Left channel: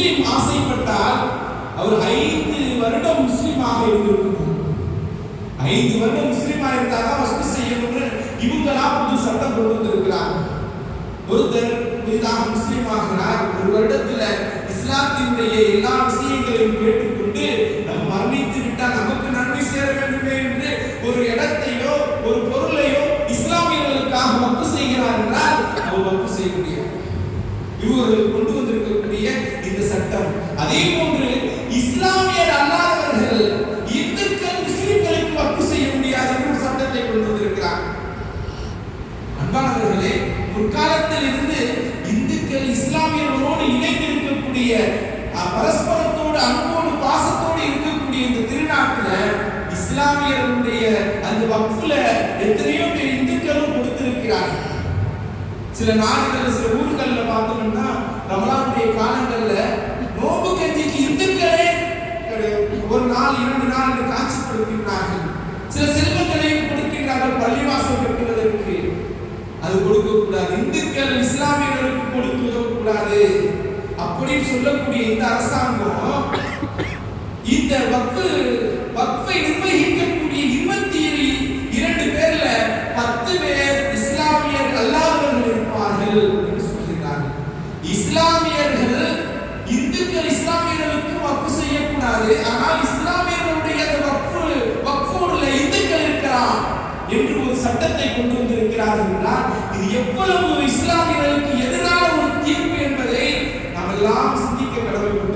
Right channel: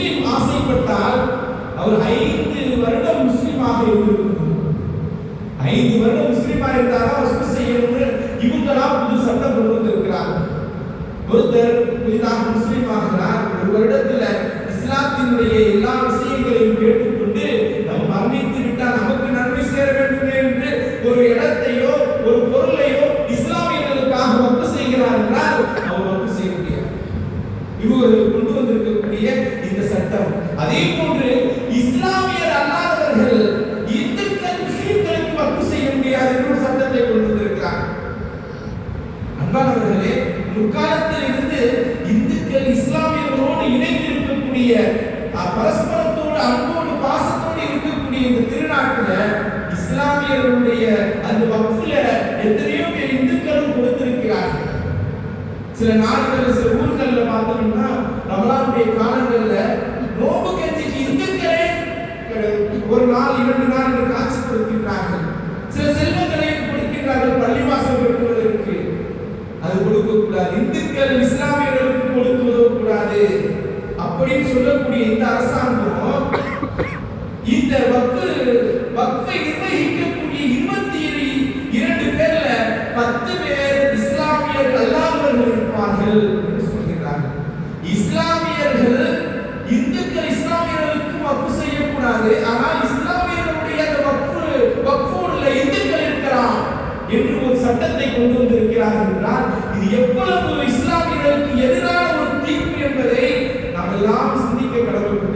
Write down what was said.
முஸ்லிம் ஆசைப்பட்டால் அவர் 5 வருடம் முஸ்லிமாக இருந்திருக்கணும். 5 வருடம் முஸ்லிமாக இருந்தாலும் வக்ஃப் செய்யணும்னு இவங்கெல்லாம் புது சட்டம் கொண்டு வந்திருக்கிறார். ஒருத்தர் புதிதாக முஸ்லிம் ஆகிறார், ஒரு வருடத்துல இஸ்லாத்தினுடைய எல்லா விஷயங்களையும் கேட்டுக்கொண்டு நம்ம மரணித்து விட்டால் நமக்கு நன்மை சேர வேண்டுமே என்று ஒரு இடத்தையோ ஒரு பொருளையோ இஸ்லாமியர்களுக்காக வக்ஃப் செய்கிறார் என்றால் அவர் வக்ஃப் செய்ய முடியாது. இவர்கள் கொண்டு வந்திருக்கக்கூடிய இந்த சட்டம். அதே போன்று இஸ்லாமியர் அல்லாதவர்கள் இந்துக்கள் முஸ்லிம்களுக்கு வக்ஃப் செய்ய முடியாது என்ற ஒரு சட்டத்தை கொண்டு வந்திருக்கிறார். அன்பானவர்களே, முற்காலத்தில் இருந்து இந்துக்கள் இஸ்லாமியர்களோடு இணைந்து இருக்கக்கூடிய பரஸ்பரத்தோடு அன்போடு பாசத்தோடு இருக்கக்கூடிய இந்த திருநாட்டில் இஸ்லாமியர்களுடைய அந்த வக்ஃப்ல எத்தனையோ பேர் இந்துக்களும் கொடுத்திருக்கிறார்கள். சில நாடுகள் சில ஊர்கள்ல பார்த்தோம்னா ரமலானுடைய காலங்கள்ல நோம்பு கஞ்சிக்கு இந்துக்களே ஒரு நாள் 2 நாள் என்று காட்சி கொடுக்கின்றார்கள். சில செல்வங்களையும் கொடுக்கின்றார்கள் பள்ளிவாசல் கட்டுவதற்கு. அது கொடுக்க கூடாது, இந்துக்கள் இஸ்லாமியர்களுக்கு கொடுத்து உதவக்கூடாது அப்படின்னு சொல்லக்கூடிய இந்த அரசாங்கம் இந்த வக்ஃபை நிர்வகிக்கக்கூடிய 22 பேர்ல 10 பேர் இஸ்லாமியர் அல்லாதவர்கள் இருப்பார்கள் என்று சொல்கிறார்கள். இஸ்லாமியர்கள் இந்துக்கள் இஸ்லாமியர்களுக்கு வக்ஃப் செய்யக்கூடாது, ஆனால் இஸ்லாமியர்களுடைய அந்த வக்ஃபோடுல இந்துக்கள் இருக்கலாம் என்று ஒரு சட்டத்தை கொண்டு வந்திருக்கிறார்கள் என்றால் இது எவ்வளவு இஸ்லாமியர்களுக்கு எதிரான ஒரு தீர்ப்பு என்பதை நாம் எல்லாம் சிந்திக்க கடமைப்பட்டிருக்கிறோம்.